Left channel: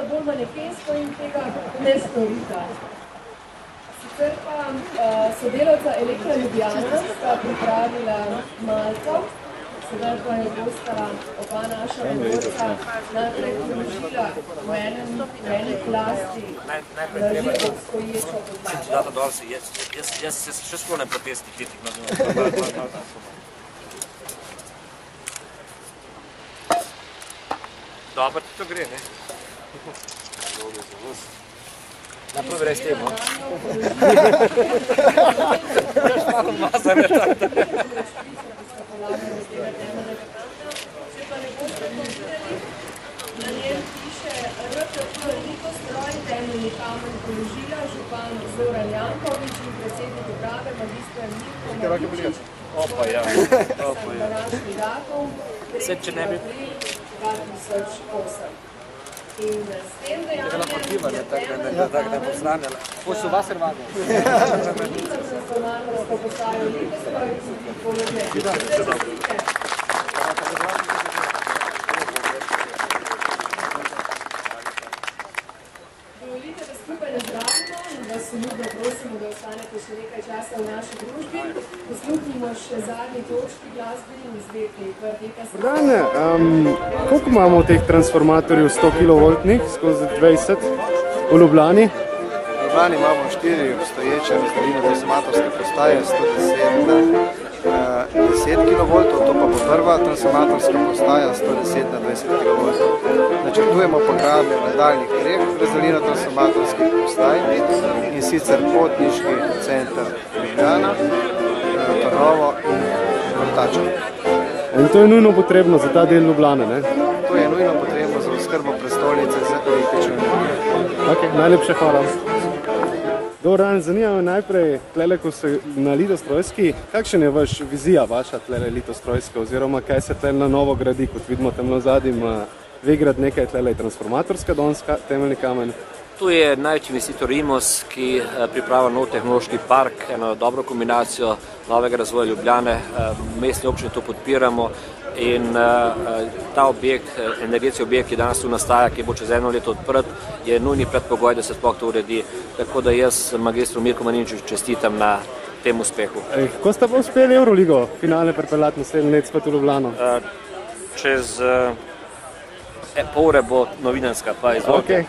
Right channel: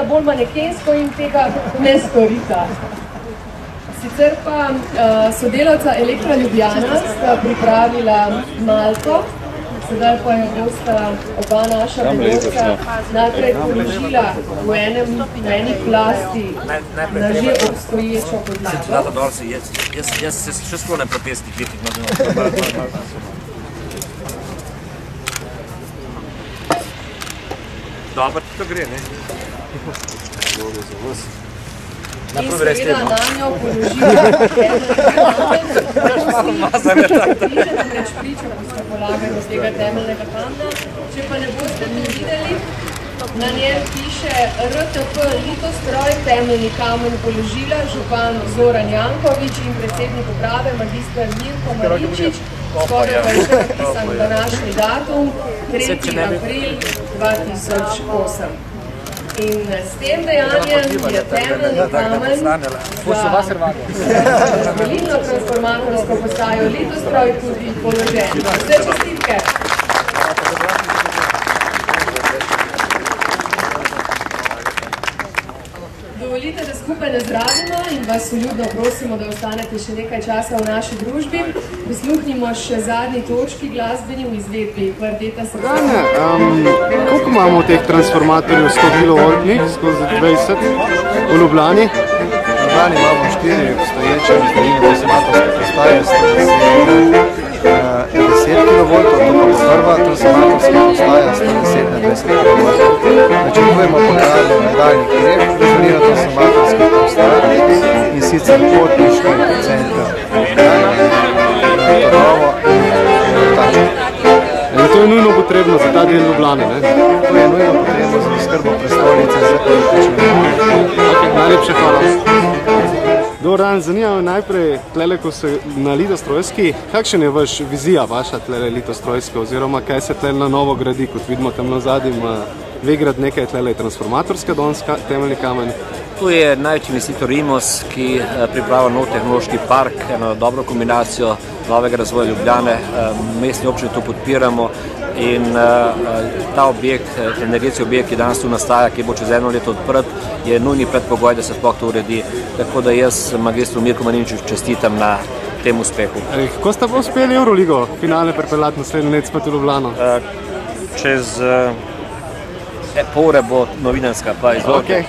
sta bolj manekensko in tega ne storita. Sicer pa sodelavca Elektra Ljubljana sta pripravila malto, sedaj pa jo bosta oba naša delovca najprej položila v eni plasti na že obstoječo podlago. Jaz se še sklonem protesti kritik. Dobro, to gre, ne? Dobro za vas. In seveda na njo položila preč pričo, ko smo polagali z tega temeljnega kamna. Če pa ne boste videli, na njem piše RTP Litostroj, temeljni kamen položila župan Zoran Janković in predsednik uprave magistra Mirko Maričič. Skoraj napisan današnji datum, 3. april 2008. In s tem dejanjem je temeljni kamen za volilno transformatorsko postajo Litostroj tudi položen. Vse čestitke! Dovolite, da skupaj nazdravimo in vas vljudno prosimo, da ostanete še nekaj časa v naši družbi. Prisluhnimo še zadnji točki glasbeni v izvedbi Kvardeta Srpska. Koliko imamo teh transformatorjev 100 kV skozi 20 v Ljubljani? V Ljubljani imamo 4 obstoječe razdaljine transformatorske postaje, 10 kV, to pa bo prva transformatorska postaja 110 na 20 kV. Načrtujemo pa gradnjo nadaljnjih 3 razdaljin transformatorskih postaj, in sicer Potniški center Ljubljana, Trnovo in Vrtačev. In to je nujno potrebno za ta del Ljubljane, ne? To je nujno potrebno za oskrbo prestolnice z električno energijo. Ok, najlepše hvala. Dobar dan, zanima me najprej, tlele, ko so na Litostrojski, kakšen je vaš vizija, vaša tlele Litostrojska, oziroma kaj se tlele na novo gradi, kot vidimo tam na zadnjem, Vegrad nekaj tlele transformatorska donska, temeljni kamen? Tu je največji investitor Imos, ki pripravlja nov tehnološki park, eno dobro kombinacijo novega razvoja Ljubljane. Mestni občini to podpiramo in ta objekt, energetski objekt, ki danes tu nastaja, ki bo čez 1 leto odprt, je nujni predpogoj, da se sploh to uredi. Tako da jaz magistru Mirku Maričiču čestitam na tem uspehu. Kako ste pa uspeli Euroligo finale pripeljati naslednje leto spet v Ljubljano? Čez pol ure bo novinarska, pa izvolite.